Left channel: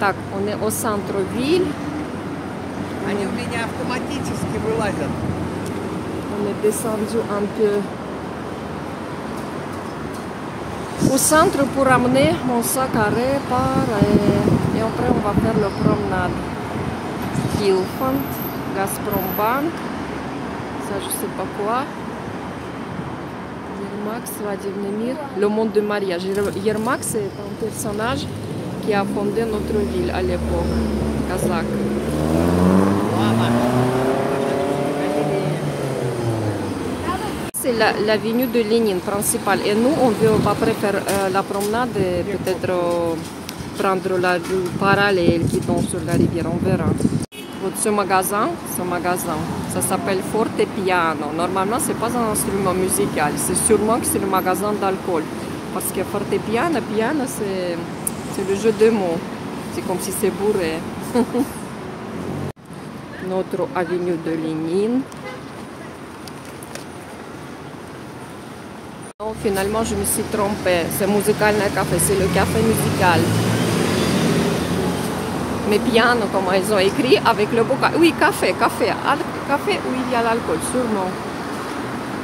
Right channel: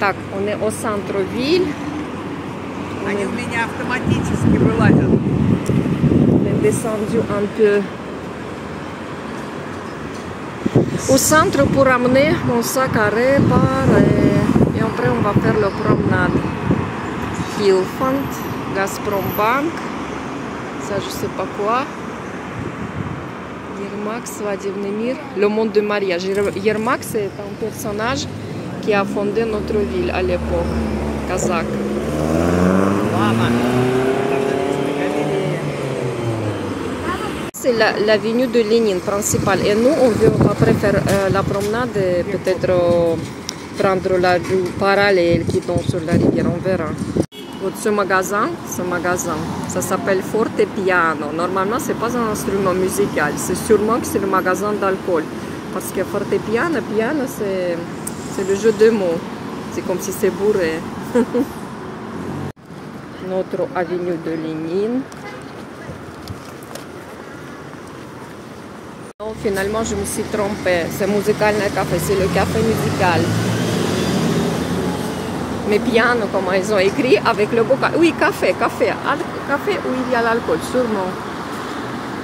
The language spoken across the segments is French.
Так, on est au centre-ville. Они у меня автоматически вылазят. On est descendu un peu au centre pour amener mon sac à réparer. Et après, on va faire la promenade. Hilfant, Gazprom Bank, ça je sais pas quoi. Yermak, Svadivny Mir, le monde de mariage. Yermak, c'est un personnage qui a fondé notre ville à l'époque, kazakh. C'est l'avenue de Lénine principale. Et nous, on veut après faire la promenade et peut-être prendre la rue parallèle qui tombe sur la rivière. On verra. Ce magasin, ça s'appelle Forte Piano. Normalement, c'est pas un instrument musical. C'est sûrement que c'est le magasin d'alcool. Parce que Forte Piano, piano, c'est le jeu de mots. C'est comme si c'est bourré. Notre avenue de Lénine. Non, finalement, je me suis trompée. C'est musical le café, c'est le café musical. Mais piano, comment ils ont écrit avec le bocal. Oui, café où il y a l'alcool, sûrement.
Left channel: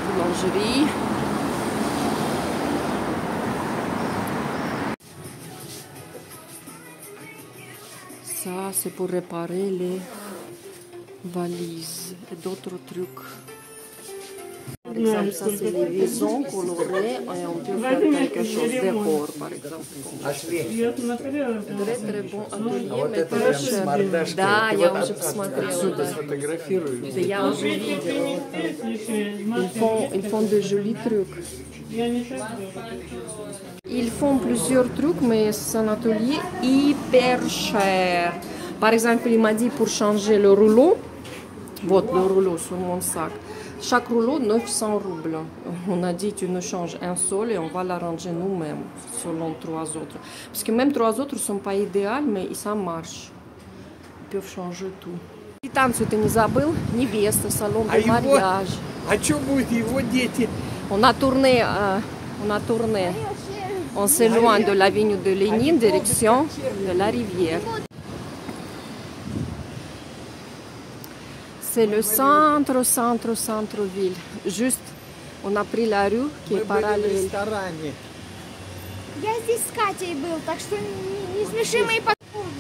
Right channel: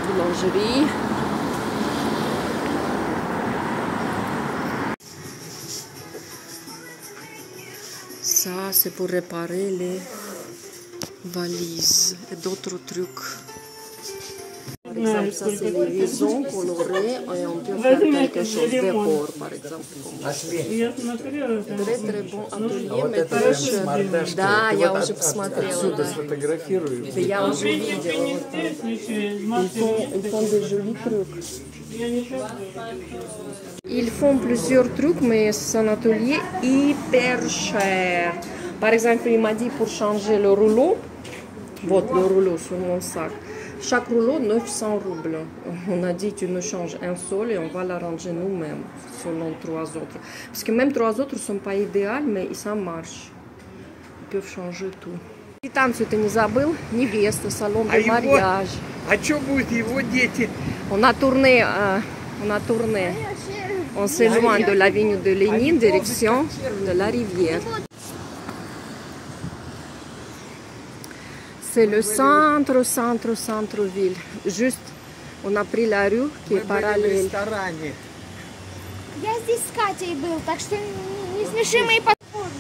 Boulangerie. Ça, c'est pour réparer les valises et d'autres trucs. Par exemple, ça c'est les liaisons colorées et on peut faire quelque chose de décor, par exemple. Très très bon atelier, mais très cher. Да, я уже посмотрела. Отсюда сфотографирую. Я уже видела. Ils font de jolis trucs. Ils font plusieurs trucs, mais c'est un atelier hyper cher. Par exemple, il m'a dit pour changer le rouleau, вот le rouleau sur mon sac. Chaque rouleau, 900 roubles. On a dit, tu nous changes un seul et on va l'arranger nous-mêmes, selon 3 autres. Parce que même 3 autres ne sont pas idéales, mais ça marche. Ils peuvent changer tout. И танцу ты не забыл? Невеста, салон de mariage. А что будет его дети? On a tourné. On s'éloigne de l'avenue de Lénine, direction de la rivière. C'est le centre-ville. Juste, on a pris la rue qui est parallèle. Я здесь с Катей был, так что не смеши мои подруги.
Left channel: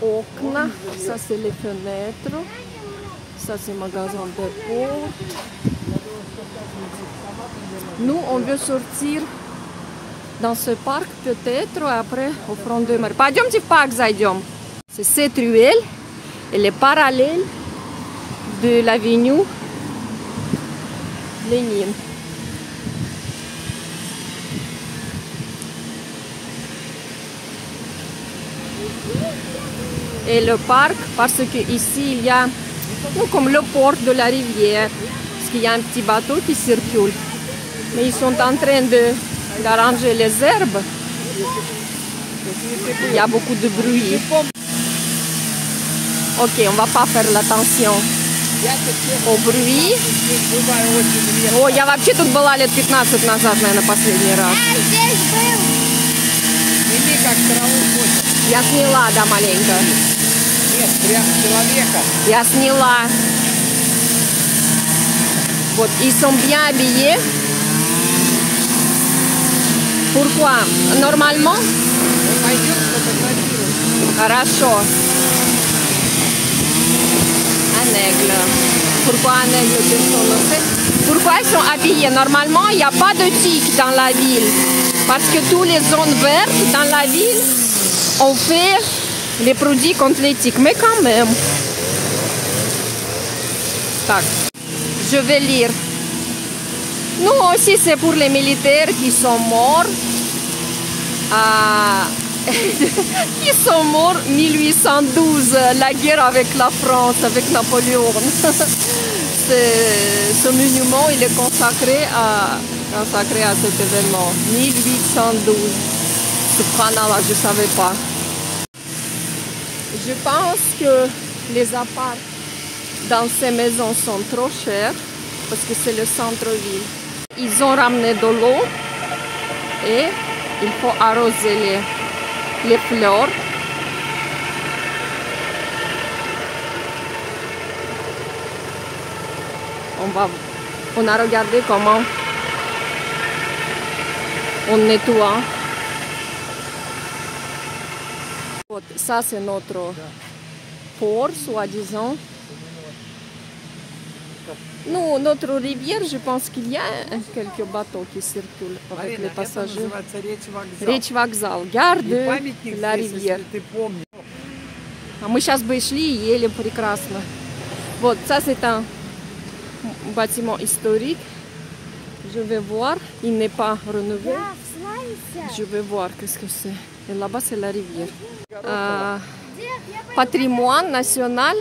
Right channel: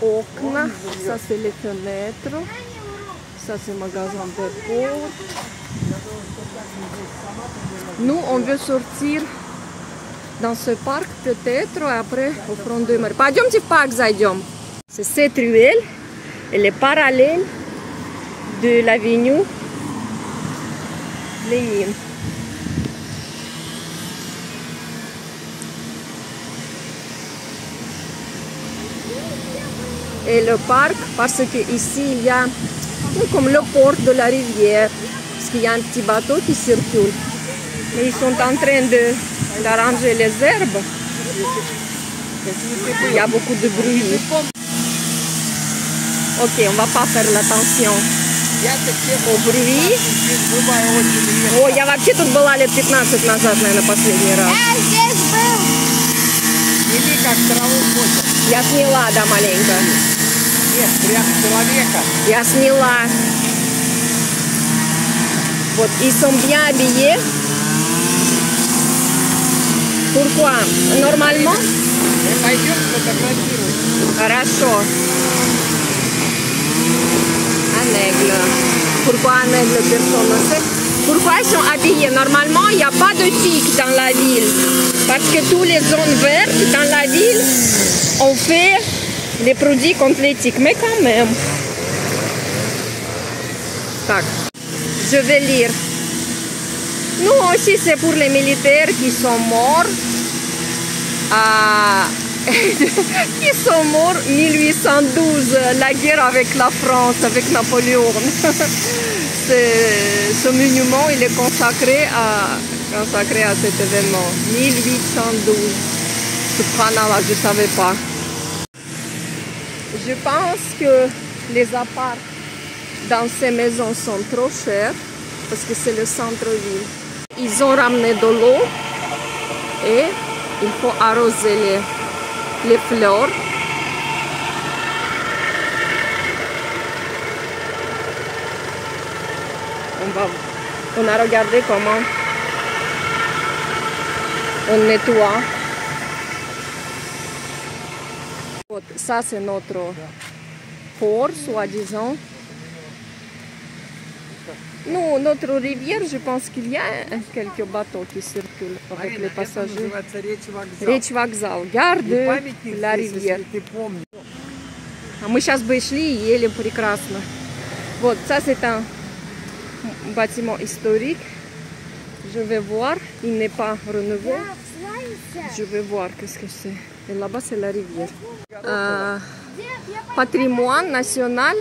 Окна, ça c'est les fenêtres. Ça c'est le magasin de portes. Nous, on veut sortir dans ce parc peut-être, après au front de mer. Пойдемте в парк зайдем. C'est cette ruelle, elle est parallèle de l'avenue Lénine. Et le parc, parce que ici il y a comme le port de la rivière, parce qu'il y a un petit bateau qui circule. Mais ils sont en train d'arranger les herbes. Il y a beaucoup de bruit. Ok, on va pas faire l'attention au bruit. О, я вообще тут была лет 15 назад, наверное, последний раз. Я сняла, да, маленько. Нет, прям человека. Я сняла. Вот, ils sont bien habillés. Pourquoi? Normalement? Мы пойдем фотографировать. Хорошо. Un aigle. Pourquoi un aigle, personne ne sait. Pourquoi ils sont habillés? Normalement, il n'y a pas de tic dans la ville. Parce que toutes les zones vertes dans la ville, on fait les produits contre les tiques. Mais quand même. Tac. Je vais lire. Nous aussi, c'est pour les militaires qui sont morts. Qui sont morts en 1812, la guerre avec la France, avec Napoléon. Ce monument, il est consacré à cet événement. 1812. Subhanallah, je ne savais pas. Je pense que les apparts dans ces maisons sont trop chers parce que c'est le centre-ville. Ils ont ramené de l'eau et il faut arroser les fleurs on a regardé comment on nettoie. Ça, c'est notre port, soi-disant. Nous, notre rivière, je pense qu'il y a quelques bateaux qui circulent avec les passagers. Речь вокзал. Gare de la rivière. А мы сейчас бы шли и ели прекрасно. Вот, ça c'est un bâtiment historique. Je vais voir, il n'est pas rénové. Je vais voir qu'est-ce que c'est. Et là-bas c'est la rivière. Patrimoine national,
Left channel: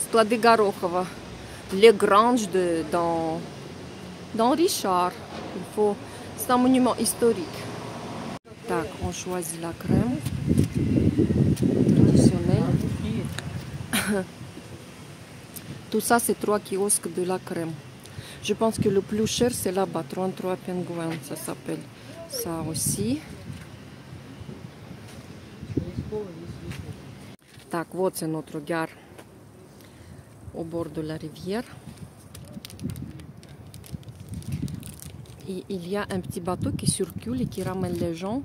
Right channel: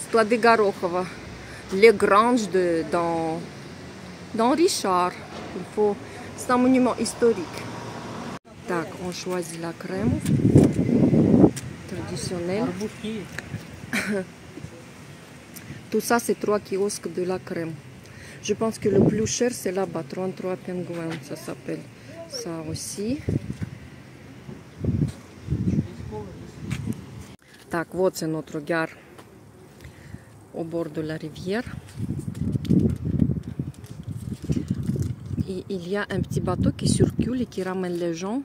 склады Горохова. Les granges dans Richard. C'est un monument historique. Так, on choisit la crème traditionnelle. Tout ça, c'est 3 kiosques de la crème. Je pense que le plus cher, c'est là-bas, 33 pingouins, ça s'appelle. Ça aussi. Так, вот c'est notre gare au bord de la rivière. Et il y a un petit bateau qui circule et qui ramène les gens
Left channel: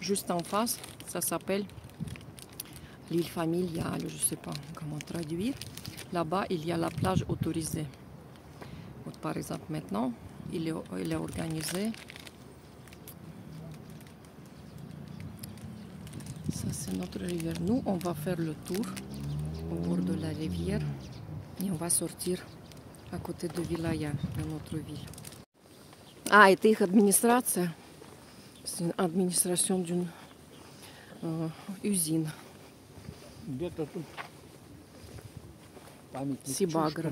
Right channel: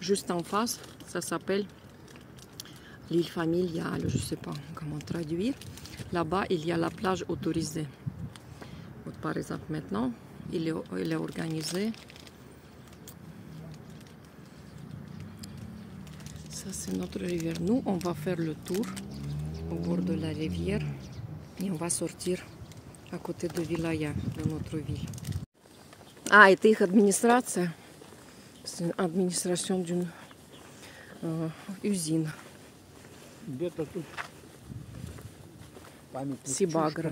juste en face. Ça s'appelle l'île familiale, je ne sais pas comment traduire. Là-bas, il y a la plage autorisée. Donc, par exemple, maintenant, il est organisé. Ça, c'est notre rivière. Nous, on va faire le tour au bord de la rivière et on va sortir à côté de Vilaya, de notre ville. Ah, это их администрация. C'est une administration d'une usine. Сибагра.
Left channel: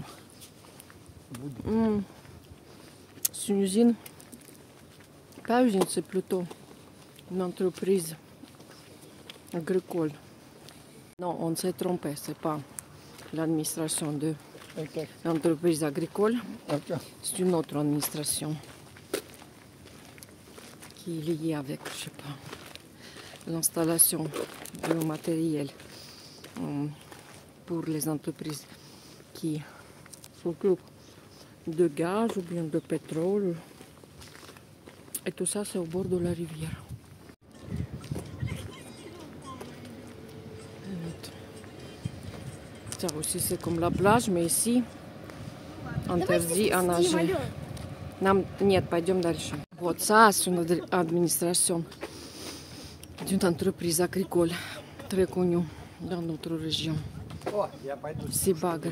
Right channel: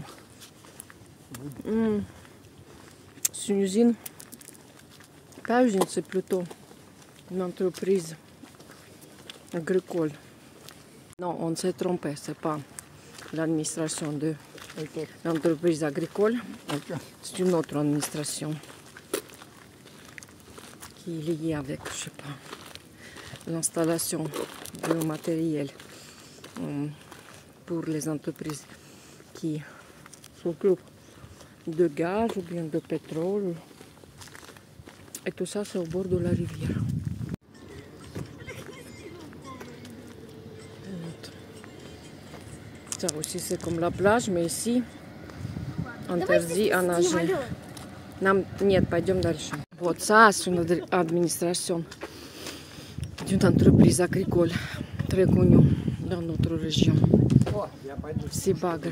C'est une usine. Pas usine, c'est plutôt une entreprise agricole. Non, on s'est trompé, c'est pas l'administration de l'entreprise agricole. C'est une autre administration qui est liée avec, je sais pas, l'installation du matériel pour les entreprises qui s'occupent de gaz ou bien de pétrole. Et tout ça, c'est au bord de la rivière. Ça aussi, c'est comme la plage, mais ici, interdit à nager. Нет, пойдем дальше. Вот ça, c'est une administration d'une entreprise agricole très connue dans notre région. Сибагра.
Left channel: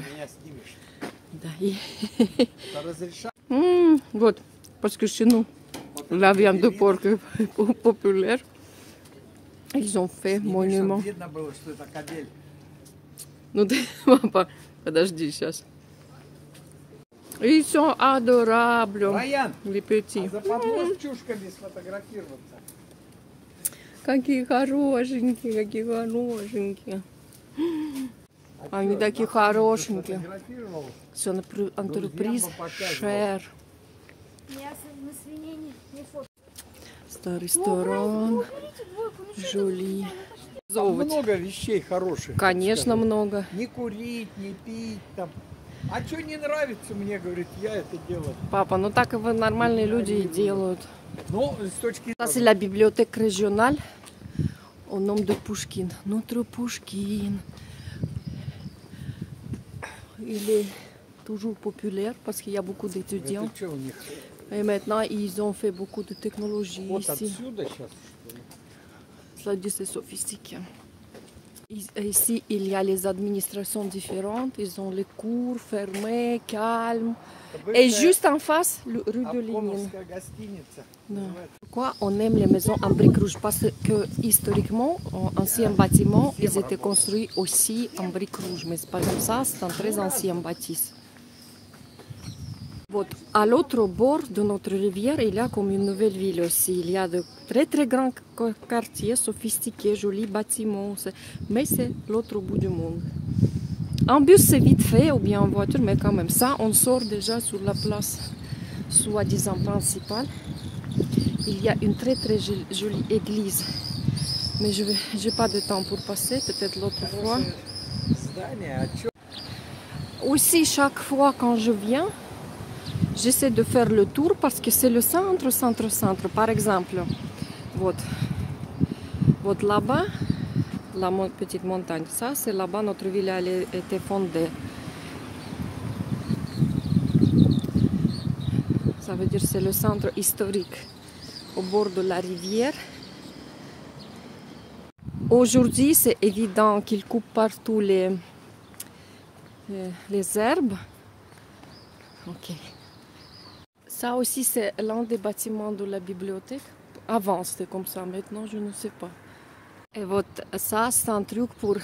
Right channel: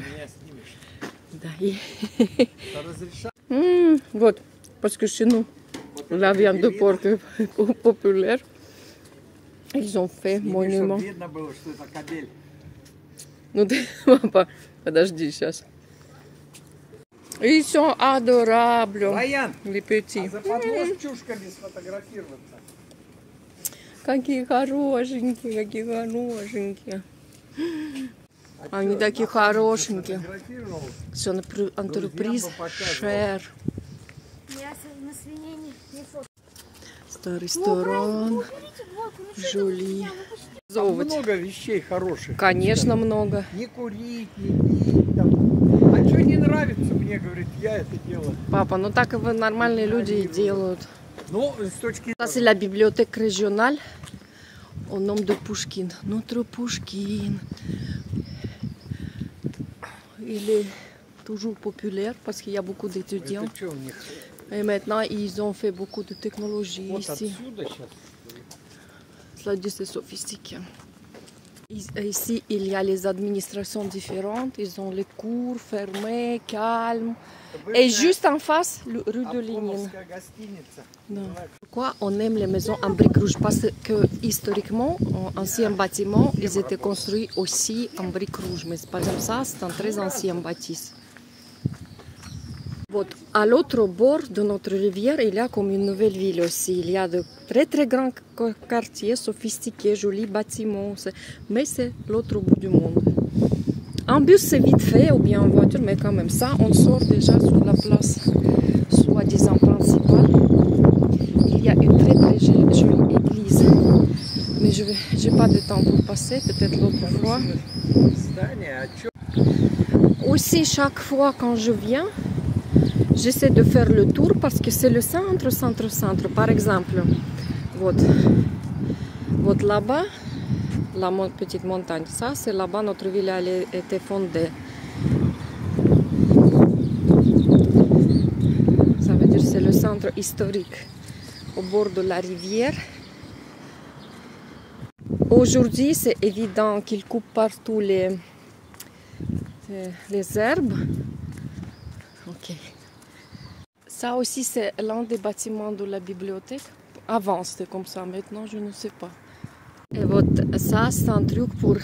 Да, вот, parce que chez nous, la viande de porc est populaire. Ils ont fait monument. Ну ты, папа, подожди сейчас. Ils sont adorables, les petits. За подложчушками сфотографироваться. Какие хорошенькие, какие хорошенькие. Они такие хорошенькие. Все, entreprise cher. Старый ресторан. Жоли. Много вещей хороших. Конечно, много. Не курить, не пить там. А что не нравится мне, говорит, я это делаю. Папа, ну так и нормальные люди и делают. Ну, с точки Ça, c'est la bibliothèque régionale au nom de Pushkin. Notre Pushkin. Il est toujours populaire parce qu'il y a beaucoup d'étudiants. Это что у них? Et maintenant, ils ont fait beaucoup de technologie Вот ici. отсюда сейчас. Cela dit, c'est sophistiqué. Ici, il y a les administrations différentes. Ils ont les cours fermés, calmes. Et juste en face, rue de Lénine. Pourquoi on aime les maisons en briques rouges? Parce que historiquement, anciens bâtiments, ils étaient construits aussi en briques rouges. Mais c'est pas comme ça, c'est un très ancien bâtisse. Вот, à l'autre bord de notre rivière, il y a comme une nouvelle ville aussi. Il y a de très très grands quartiers, sophistiqués, jolis bâtiments. Mais c'est l'autre bout du monde. En bus, c'est vite fait, ou bien en voiture, mais quand même ça, on sort déjà sur la place soi-disant principale. Il y a une très très jolie église. Mais je n'ai pas de temps pour passer, peut-être l'autre fois. aussi, chaque fois quand je viens, j'essaie de faire le tour parce que c'est le centre, centre, centre. Par exemple, вот là-bas, la petite montagne, ça c'est là-bas, notre ville a été fondée. Ça veut dire c'est le centre historique au bord de la rivière. Aujourd'hui, c'est évident qu'ils coupent partout les herbes. Ok. Ça aussi, c'est l'un des bâtiments de la bibliothèque. Avant, c'était comme ça. Maintenant, je ne sais pas. Et ça, c'est un truc pour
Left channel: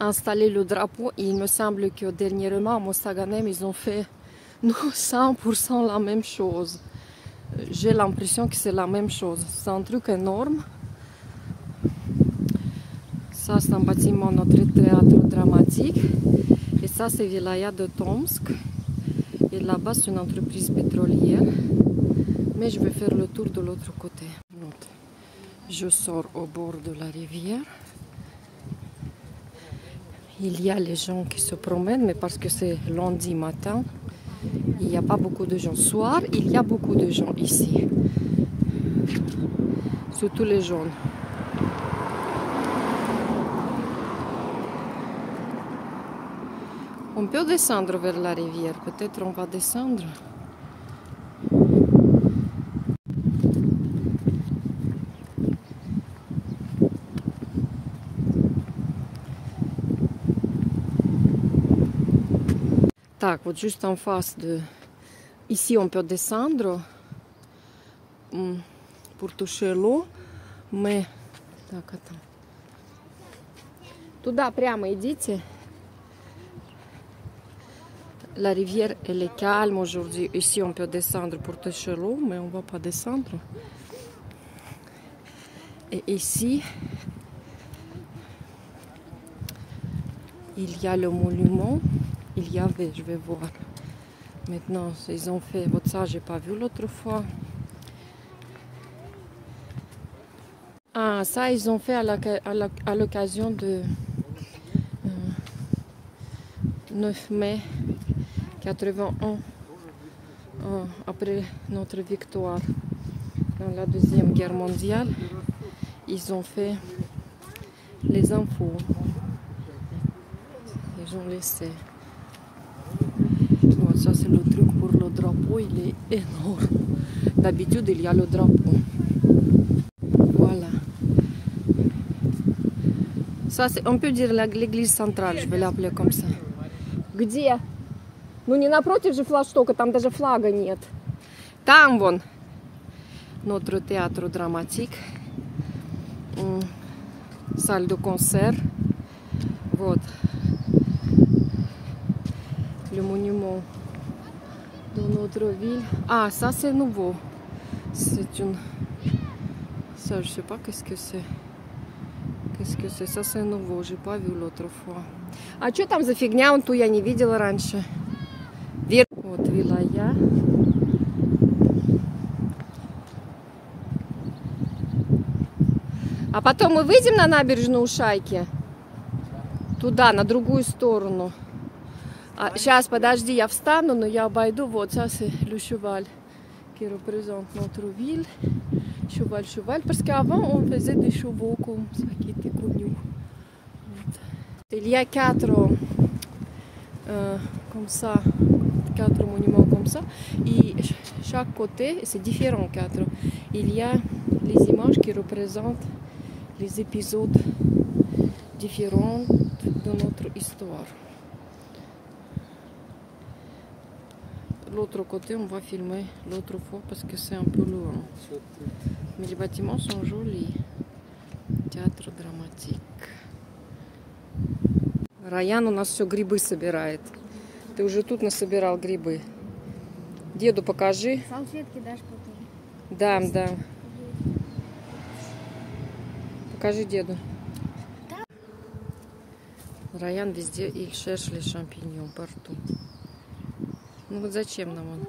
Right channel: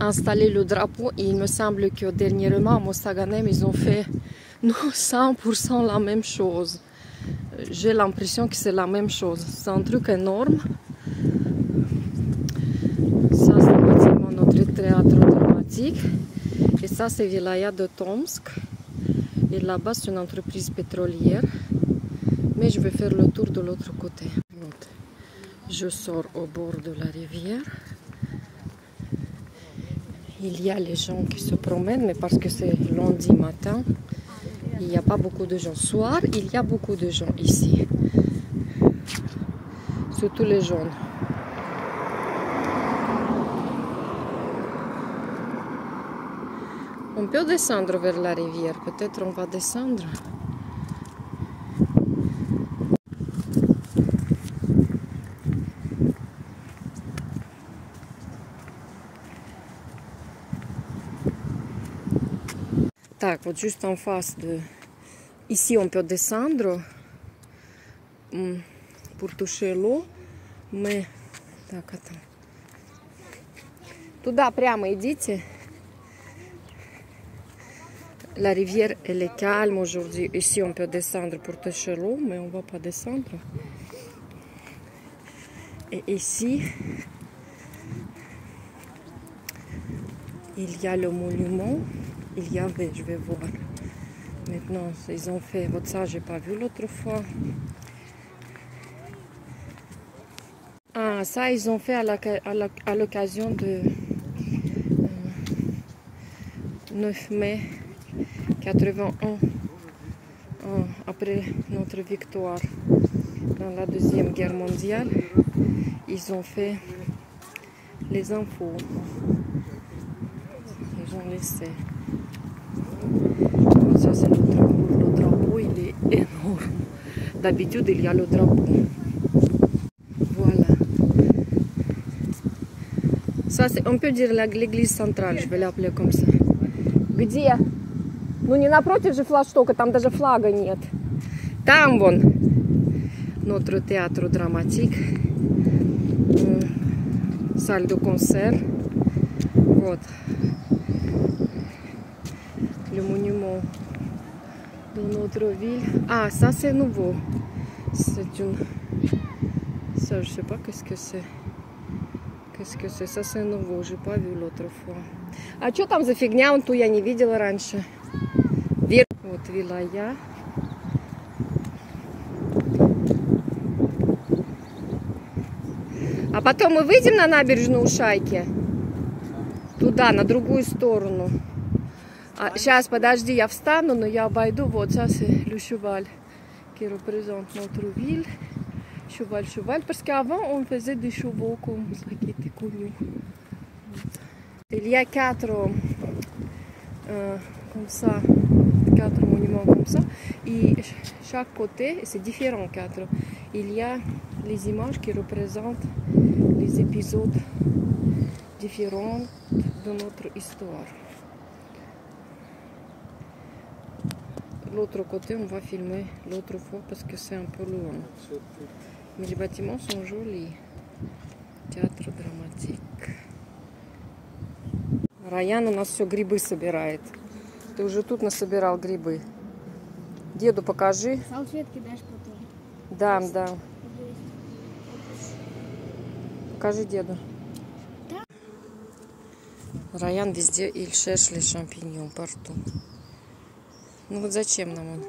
installer le drapeau. Et il me semble que dernièrement, à Mostaganem, ils ont fait 100% la même chose. J'ai l'impression que c'est la même chose. C'est un truc énorme. Ça, c'est un bâtiment de notre théâtre dramatique. Et ça, c'est Vilaya de Tomsk. Et là-bas, c'est une entreprise pétrolière. Mais je vais faire le tour de l'autre côté. Je sors au bord de la rivière. Il y a les gens qui se promènent, mais parce que c'est lundi matin, il n'y a pas beaucoup de gens. Soir, il y a beaucoup de gens ici. Surtout les jeunes. On peut descendre vers la rivière. Peut-être on va descendre. Так, вот juste en face de... Ici, on peut descendre pour toucher l'eau, mais... Так, attends. Туда прямо идите. La rivière, elle est calme aujourd'hui. Ici, on peut descendre pour toucher l'eau, mais on ne va pas descendre. Et ici, il y a le monument. Il y avait, je vais voir. Maintenant, ils ont fait, ça, j'ai pas vu l'autre fois. Ah, ça, ils ont fait à l'occasion de 9 mai 81, après notre victoire dans la Deuxième Guerre mondiale. Ils ont fait les infos. Ils ont laissé. Ça, c'est le truc pour le drapeau, il est énorme. D'habitude, il y a le drapeau. Voilà. Ça, on peut dire l'église centrale, je vais l'appeler comme ça. Где? Ну не напротив же флагштока, там даже флага нет. Там вон notre théâtre dramatique. Salle de concert. Вот. Le monument de notre ville. Ah, ça c'est nouveau. C'est une... Ça, je sais pas qu'est-ce que c'est. Qu'est-ce que c'est? Ça c'est nouveau. J'ai pas vu l'autre fois. А что там за фигня? Вон ту я не видела раньше. Вот Вилая. А потом мы выйдем на набережную Шайки. Туда, на другую сторону. Сейчас, подожди, я встану, но я обойду. Вот, ça c'est le cheval qui représente notre ville. Cheval, cheval. Parce qu'avant, on faisait des chevaux comme ça qui étaient connus. Il y a 4 comme ça, 4 monuments comme ça. Et chaque côté, c'est différent, 4. Il y a les images qui représentent les épisodes différents de notre histoire. L'autre côté, on va filmer l'autre fois parce que c'est un peu loin. Mais les bâtiments sont jolis. Théâtre dramatique. Раян у нас все грибы собирает. Ты уже тут насобирал грибы. Деду покажи. Салфетки дашь потом? Да, да. Покажи деду. Раян везде, il cherche les champignons partout. Ну вот зачем нам он?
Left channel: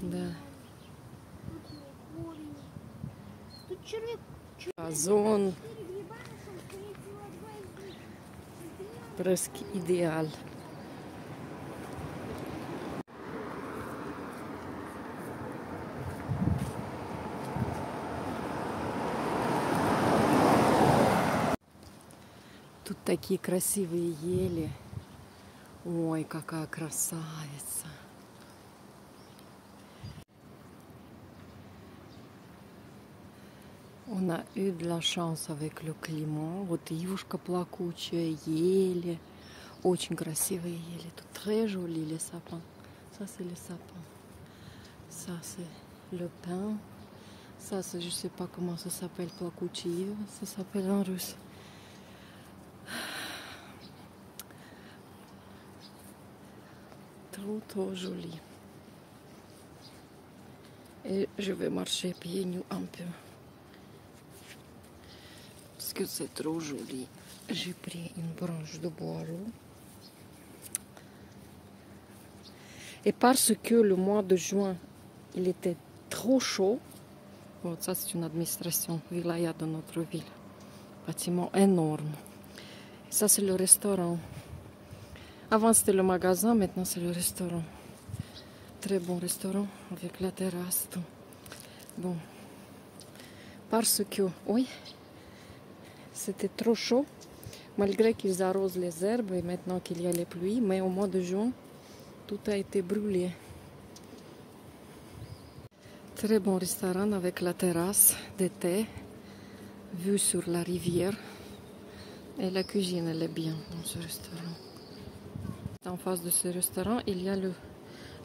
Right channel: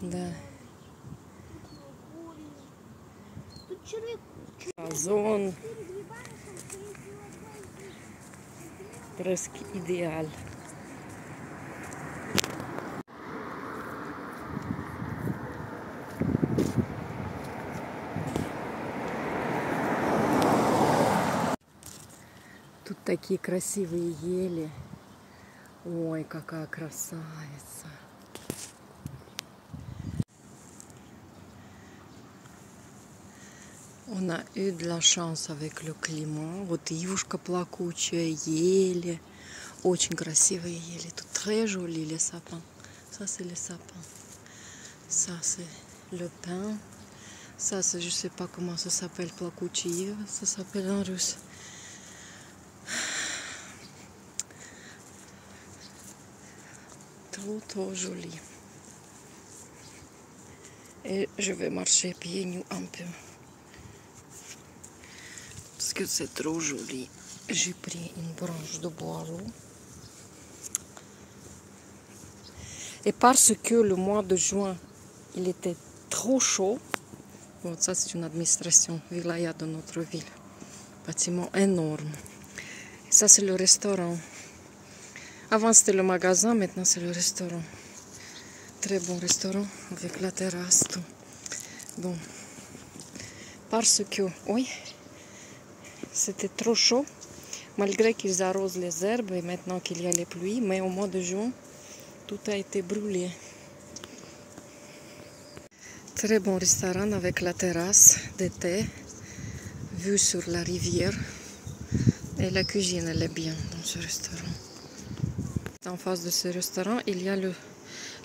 Да. Зон. Presque idéal. Тут такие красивые ели. Ой, какая красавица. On a eu de la chance avec le climat. Вот ивушка плакучая, ели. Очень красивые ели. Тут très joli les sapins. Ça c'est les sapins. Ça c'est le pin. Ça c'est, je sais pas comment ça s'appelle, плакучие. Ça s'appelle en russe. Trop joli. Et je vais marcher pieds nus un peu. Parce que c'est trop joli. J'ai pris une branche de boileau. Et parce que le mois de juin, il était trop chaud. Bon, ça c'est une administration, wilaya de notre ville. Bâtiment énorme. Ça c'est le restaurant. Avant c'était le magasin, maintenant c'est le restaurant. Très bon restaurant avec la terrasse, tout. Bon. Parce que, oui, c'était trop chaud. Malgré qu'ils arrosent les herbes et maintenant qu'il y a les pluies, mais au mois de juin, tout a été brûlé. Très bon restaurant avec la terrasse d'été, vue sur la rivière. Et la cuisine, elle est bien dans ce restaurant. En face de ce restaurant, il y a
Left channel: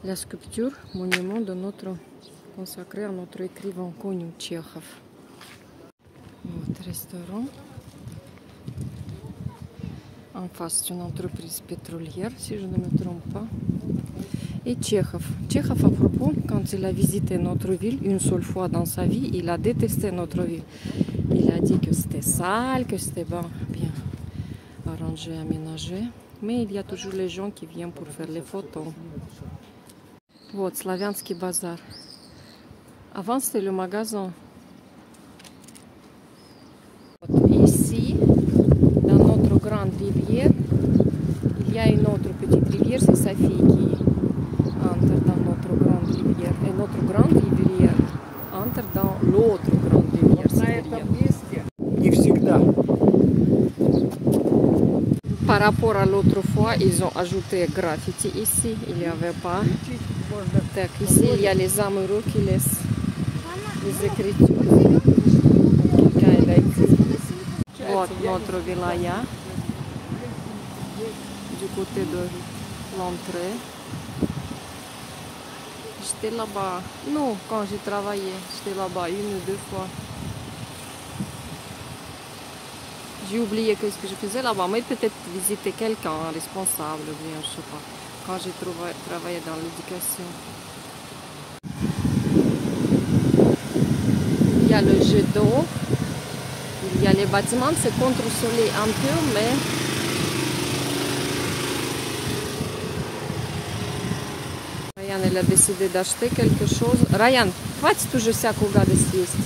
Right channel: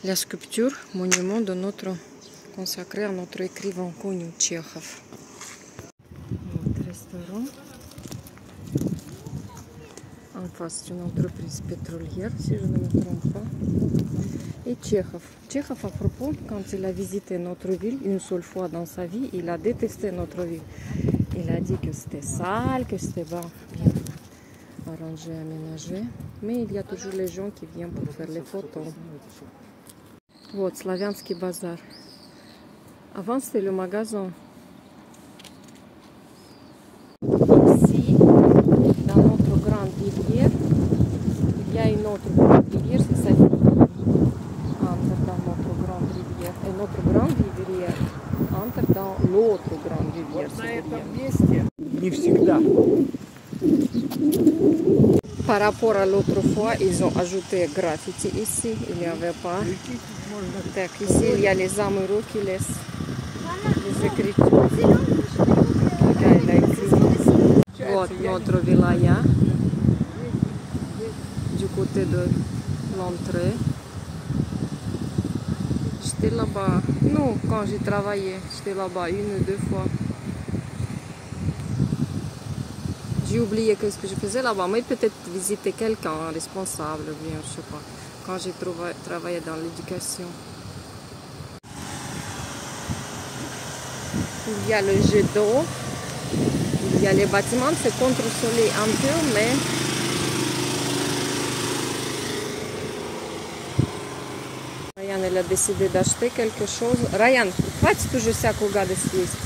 la sculpture, monument de consacré à notre écrivain connu, Tchekhov. Notre restaurant. En face, c'est une entreprise pétrolière, si je ne me trompe pas. Et Tchekhov. Tchekhov, à propos, quand il a visité notre ville une seule fois dans sa vie, il a détesté notre ville. Il a dit que c'était sale, que c'était bien arrangé, aménagé. Mais il y a toujours les gens qui viennent pour faire les photos. Вот, Славянский базар. Avant, c'était le magasin. Ici, dans notre grande rivière, il y a une autre petite rivière, c'est sa fille qui entre dans notre grande rivière. Et notre grande rivière entre dans l'autre grande rivière. На этом месте не всегда. Par rapport à l'autre fois, ils ont ajouté graffiti ici. Il n'y avait pas. Так, ici, il y a les amoureux qui laissent les écritures. Вот notre wilaya. Du côté de l'entrée. J'étais là-bas. Non, quand j'ai travaillé, j'étais là-bas une ou deux fois. J'ai oublié ce que je faisais là-bas, mais peut-être visiter quelqu'un, un responsable, bien, je sais pas, quand j'ai travaillé dans l'éducation. Il y a le jet d'eau, il y a les bâtiments, c'est contre-soleil un peu, mais Ryan, elle a décidé d'acheter quelque chose. Ryan, хватит уже всякую гадость есть.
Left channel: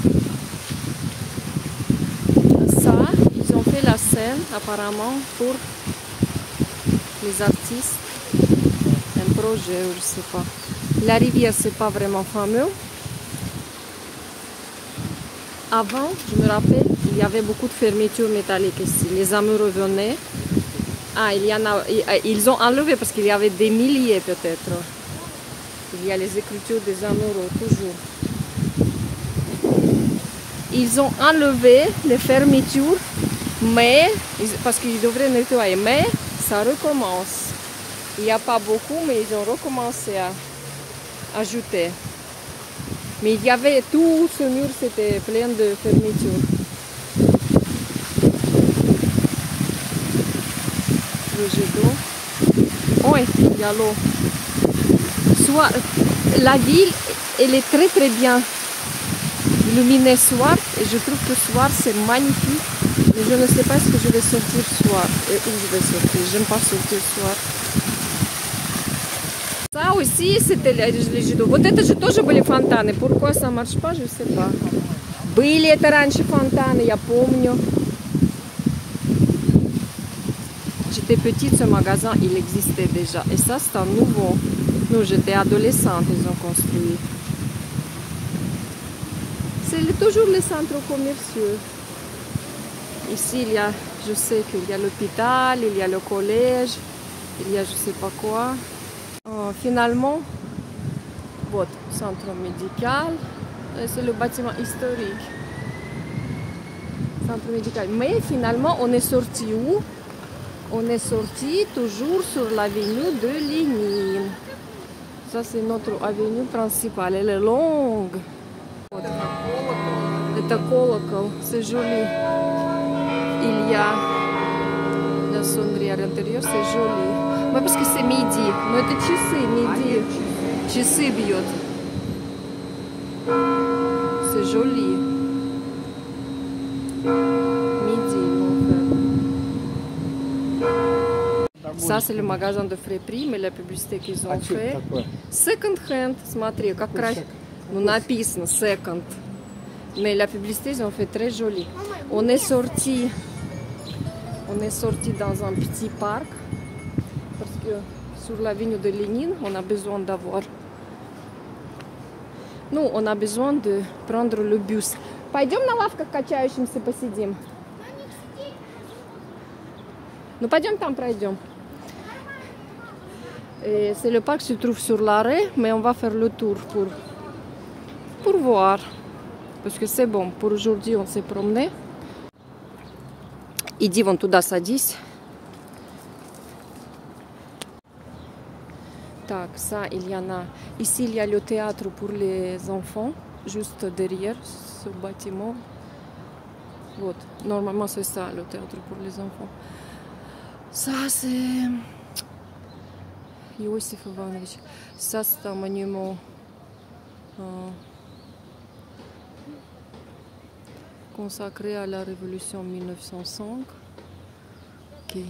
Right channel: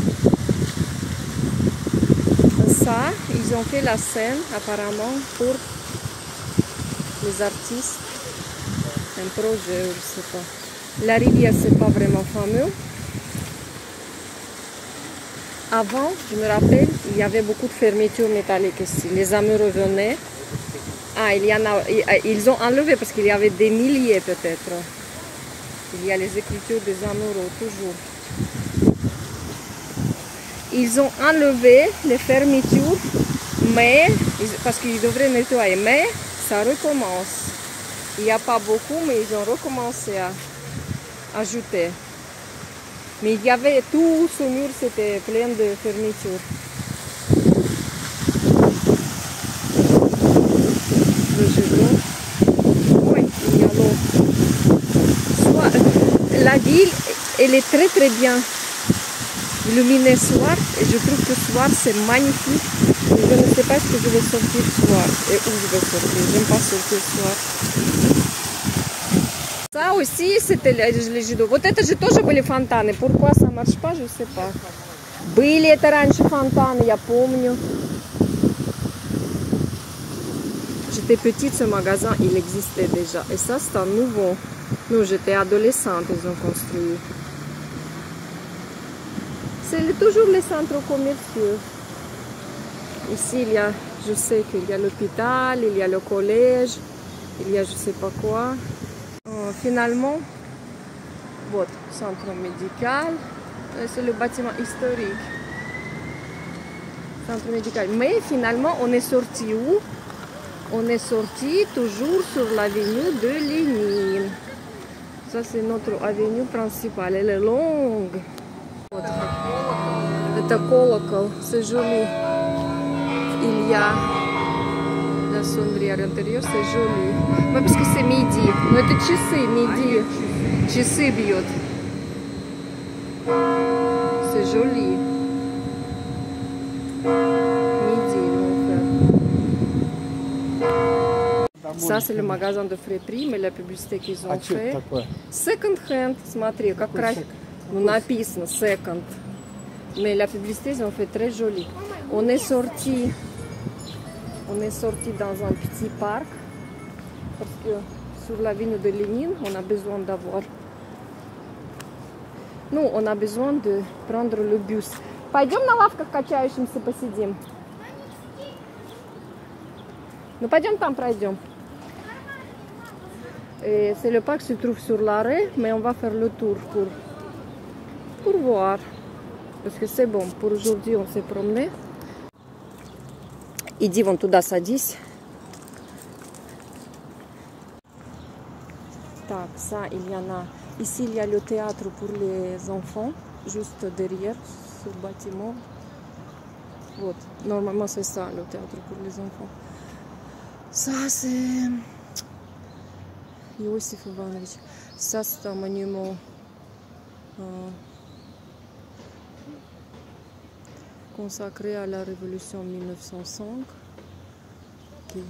Ça, ils ont fait la scène apparemment pour les artistes, un projet, je sais pas. La rivière, c'est pas vraiment fameux. Avant, je me rappelle, il y avait beaucoup de fermetures métalliques ici. Les amoureux venaient. Ah, ils ont enlevé parce qu'il y avait des milliers peut-être. Il y a les écritures des amoureux, toujours. Ils ont enlevé les fermetures, mais parce qu'ils devraient nettoyer, mais ça recommence. Il n'y a pas beaucoup, mais ils ont recommencé à ajouter. Mais il y avait tout ce mur, c'était plein de fermetures. Le jet d'eau. Oui, il y a l'eau. La ville, elle est très très bien illuminée soir, et je trouve que soir c'est magnifique. Mais je ne sais pas ce que je vais sortir soir et où je vais sortir. J'aime pas sortir soir. Ça aussi, c'était les jets d'eau. Вот это же тоже были фонтаны. Pourquoi ça marche pas, je sais pas. Были это раньше фонтаны, я помню. J'étais petite, ce magasin, il existait déjà. Et ça, c'est un nouveau. Nous, j'étais adolescente, ils ont construit. C'est toujours les centres commerciaux. Ici, il y a, je sais qu'il y a l'hôpital, il y a le collège, il y a je sais pas quoi. Finalement, votre centre médical, c'est le bâtiment historique. Centre médical. Mais finalement, on est sorti où? On est sorti toujours sur l'avenue de Lénine. Ça, c'est notre avenue principale. Elle est longue. Это колокол, c'est joli. Il y a la sonnerie à l'intérieur, c'est joli. Mais parce que c'est midi. Но это часы, midi. Часы бьют. C'est joli. Midi, ça, c'est le magasin de friperie, mais la publicité qu'ils ont fait. Second hand, смотри, как красиво. Ну, написано second. Mais la publicité, ils ont fait très joli. On est sorti dans un petit parc parce que sur l'avenue de Lénine, on a besoin d'avoir. Ну, on a besoin de prendre le bus. Пойдем на лавках качающимся посидим. Ну, пойдем там пройдем. C'est le parc se trouve sur l'arrêt, mais on va faire le tour pour voir. Parce que c'est bon, pour aujourd'hui on s'est promené. Иди вон туда садись. Так, ça, il y en a. Ici, il y a le théâtre pour les enfants, juste derrière ce bâtiment. Вот. Normalement, c'est ça, le théâtre pour les enfants. Ça, c'est Иосиф Иванович. Ça, c'est un monument consacré à la Révolution 1905. Okay.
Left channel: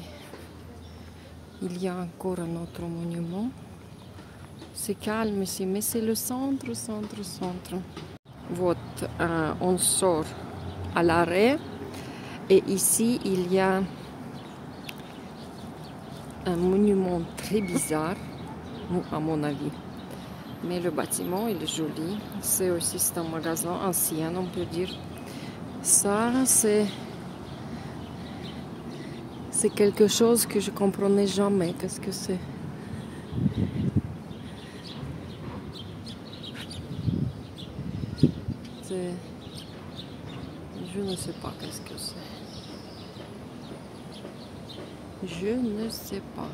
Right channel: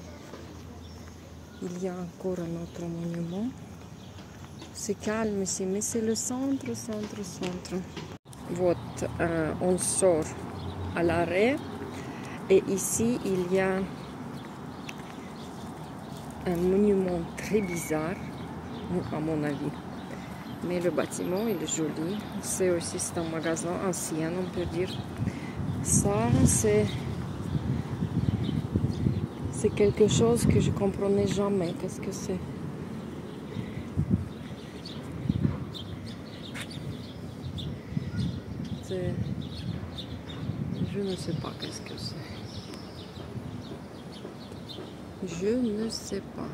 Il y a encore un autre monument. C'est calme ici, mais c'est le centre. Вот, on sort à l'arrêt et ici il y a un monument très bizarre, à mon avis. Mais le bâtiment il est joli. C'est aussi un magasin ancien, on peut dire. Ça c'est quelque chose que je comprenais jamais. Qu'est-ce que c'est? Je ne sais pas qu'est-ce que c'est. Je ne sais pas.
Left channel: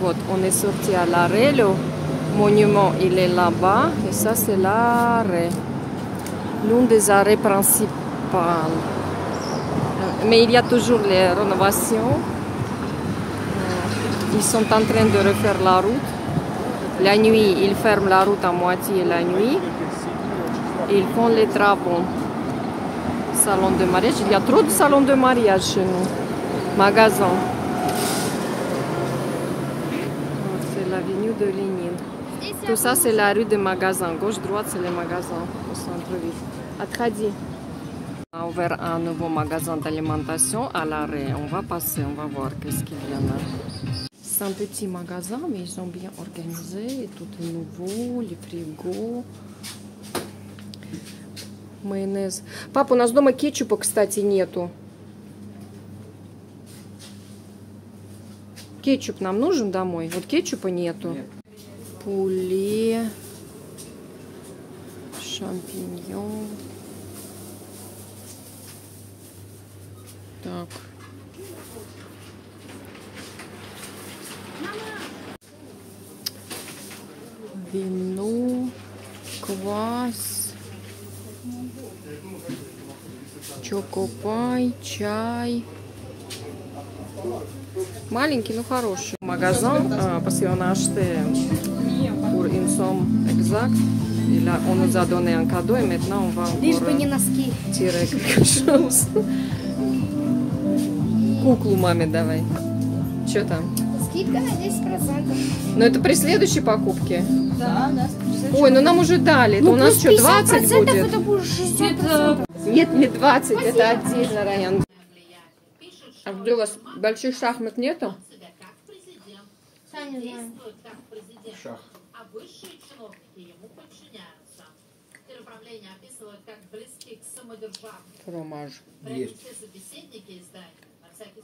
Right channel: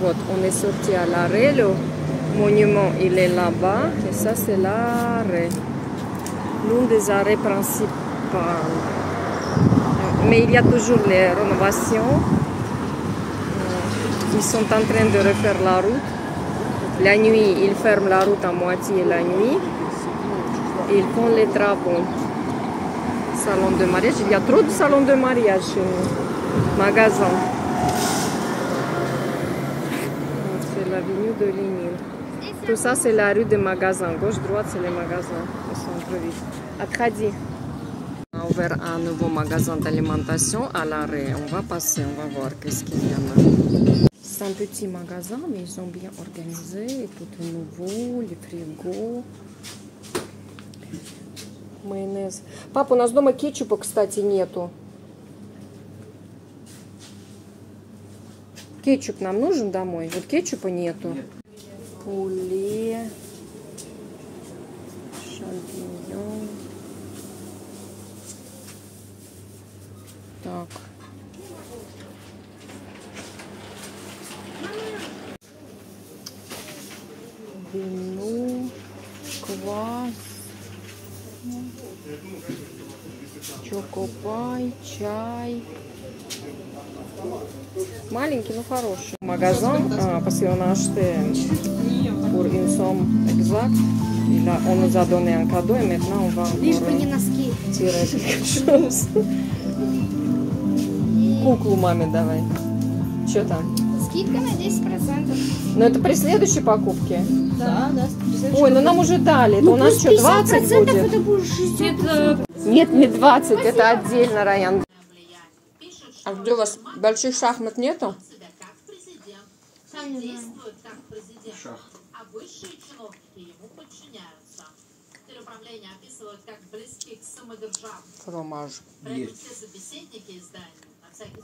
Вот, on est sorti à l'arrêt. Le monument, il est là-bas. Et ça, c'est l'arrêt. L'un des arrêts principaux. Mais il y a toujours les rénovations. Ils sont en train de refaire la route. La nuit, ils ferment la route à moitié la nuit. Ils font les travaux. Salon de mariage. Il y a trop de salons de mariage chez nous. Magasin. C'est l'avenue de Lénine. Tout ça, c'est la rue des magasins. Gauche-droite, c'est les magasins au centre-ville. Atkhadi. On a ouvert un nouveau magasin d'alimentation à l'arrêt. On va passer, on va voir qu'est-ce qu'il y en a. C'est un petit magasin, mais ils ont bien organisé. Et tout est nouveau, les frigos. Майонез. Папа, у нас дома кетчупа, кстати, нету. Кетчуп нам нужен домой? Вот кетчупа нету. Пуле. Шампиньон. Так. Вино. Квас. Чокопай, чай. Malinky, ну хороший. Magasin, parce qu'on a acheté pour une somme exacte. On nous a donné un cadeau et maintenant on va tirer quelque chose. Куклу маме давай. Что там? Скидка на 10%. Но это при следующей покупке? Да, да. Ой, ну нам уже дали. Это у нас что, 20 будет? Это будет 60%. Нет, не 20, это отдельно, Райан. А где у вас больших шахмат нету? Шах. фромаж. Есть. Все собеседники из здания, на всякий